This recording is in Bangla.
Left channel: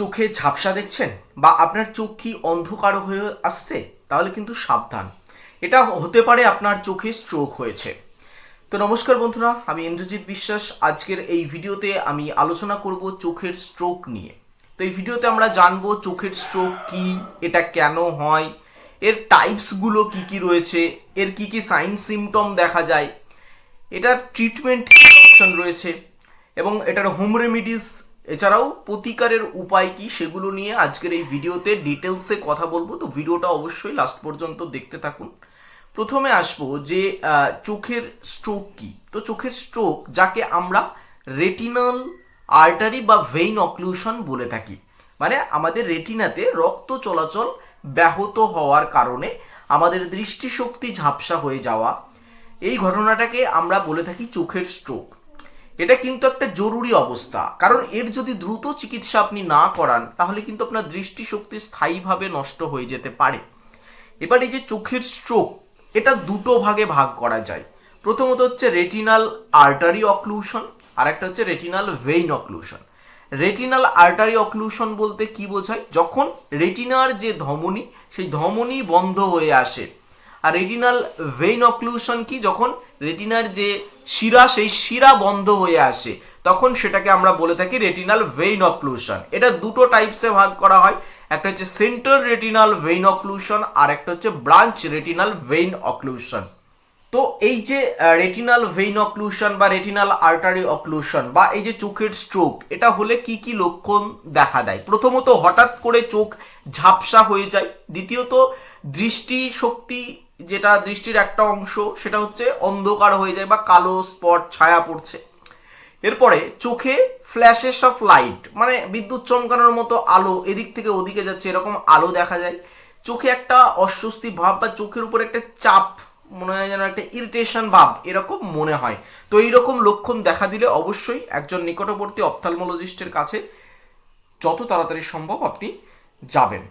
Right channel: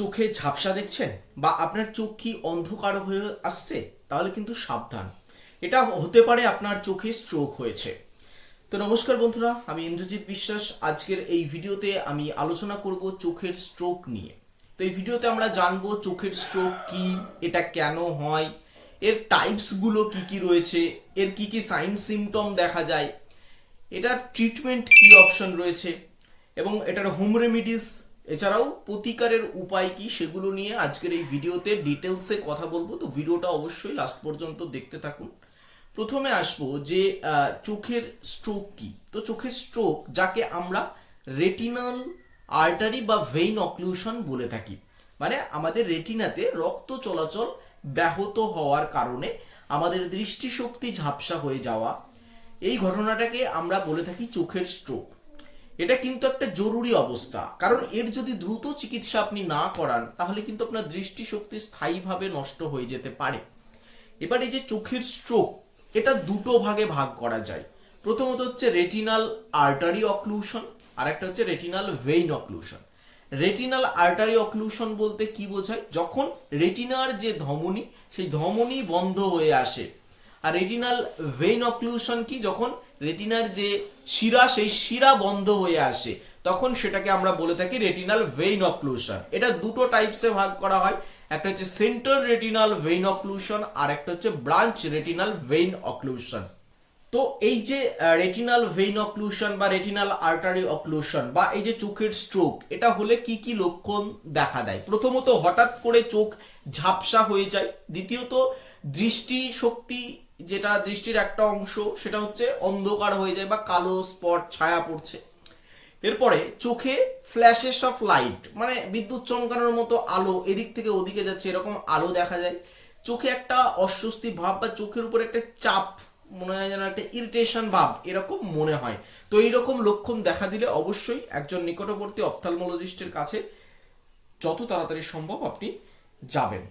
চোখে ঝাপসা দেখছেন বা আপনার চোখ কি অন্ধকার হয়ে আসছে, তাহলে কিন্তু সাবধান, এটা হতে পারে আপনার চোখে স্ট্রোক হয়েছে। তো নমস্কার বন্ধুরা, আমি ইন্দ্রজিৎ বিশ্বাস। আজকের এই ভিডিওতে আমি আলোচনা করব চোখের স্ট্রোক নিয়ে। তো এই ভিডিওতে আমরা জানবো চোখের স্ট্রোক কি, এটা কেন হয়, এর টাইপসগুলো কি কি রয়েছে, এর কি কি সাইন সিমটম দেখা যায়, এটার ট্রিটমেন্ট কি অপশন রয়েছে এবং এটার হোম রেমিডিস এছাড়াও প্রতিকারের উপায় কি, সেগুলো নিয়ে আজকের এই ভিডিওতে ডিটেলসে কথা বলবো। তো ভিডিওটা অবশ্যই লাস্ট পর্যন্ত দেখতে থাকুন। প্রথমে আসবো যে চোখের স্ট্রোক কি। তো চোখের স্ট্রোক যাকে আমরা রেটিনাল আর্টারি বা ভেইন অক্লুশন বলে থাকি, মানে আমাদের রেটিনাতে রক্ত চলাচল ব্যাহত হওয়ার কারণে আমাদের দৃষ্টিশক্তি ঝাপসা হয়ে যাওয়া, এই ঘটনাটাকে আমরা বলে থাকি চোখের স্ট্রোক। এটা কিন্তু একটা জরুরি অবস্থা, কারণ এর যদি দ্রুত চিকিৎসা আপনি না করান তাহলে কিন্তু আপনার দৃষ্টিশক্তি স্থায়ীভাবে নষ্ট হয়ে যেতে পারে। এবার এই যে চোখের স্ট্রোক, এটা দুটো ভাগে ভাগ করা যায়। প্রথমত হচ্ছে রেটিনাল আর্টারি অক্লুশন, আর একটা হচ্ছে retinal vein occlusion. Retinal artery occlusion বলতে কি বোঝায়? যখন রেটিনার যে ধমনী, সেই ধমনী বন্ধ হয়ে আসে। আর রেটিনাল ভেইন অক্লুশন কি? যখন রেটিনার যে শিরা, সেই শিরা বন্ধ হয়ে আসে, তখন সেটাকে আমরা বলে থাকি রেটিনাল ভেইন অক্লুশন। এটা দুটো টাইপসে ভাগ করা হয়, একটা হচ্ছে সেন্টার রেটিনাল ভেইন অক্লুশন, আর একটা হচ্ছে ব্রাঞ্চ রেটিনাল ভেইন অক্লুশন। তো এই যে রেটিনাল ভেইন অক্লুশন বা রেটিনাল আর্টারি অক্লুশন বা এই যে চোখের স্ট্রোক, এটা হলে কি কি লক্ষণ দেখা দেয়? প্রথমত, হঠাৎ করে চোখ ঝাপসা হয়ে যায়। দ্বিতীয়ত, দৃষ্টি শক্তি, যেটা দৃষ্টির একটা অংশ, সেটা হচ্ছে অন্ধকার হয়ে যায় বা কালো স্পট ছায়া পড়ছে। এরপরে চোখে ফ্ল্যাশেস অফ লাইট, মানে বিদ্যুৎ চমকানোর মতো আলো এদিক থেকে ওদিকে যাচ্ছে, এরকম আলো দেখা যায়। চোখে একটা অস্বস্তি ভাব বা চোখের উপর একটা চাপ, মনে হয় যেন একটা ইরিটেশন ভাব, এরকম মনে হয়। তো এইরকম লক্ষণ দেখা দিলে অবশ্যই একজন নিকটবর্তী অপথ্যালমোলজিস্টের কাছে যত তাড়াতাড়ি সম্ভব আপনি যাবেন।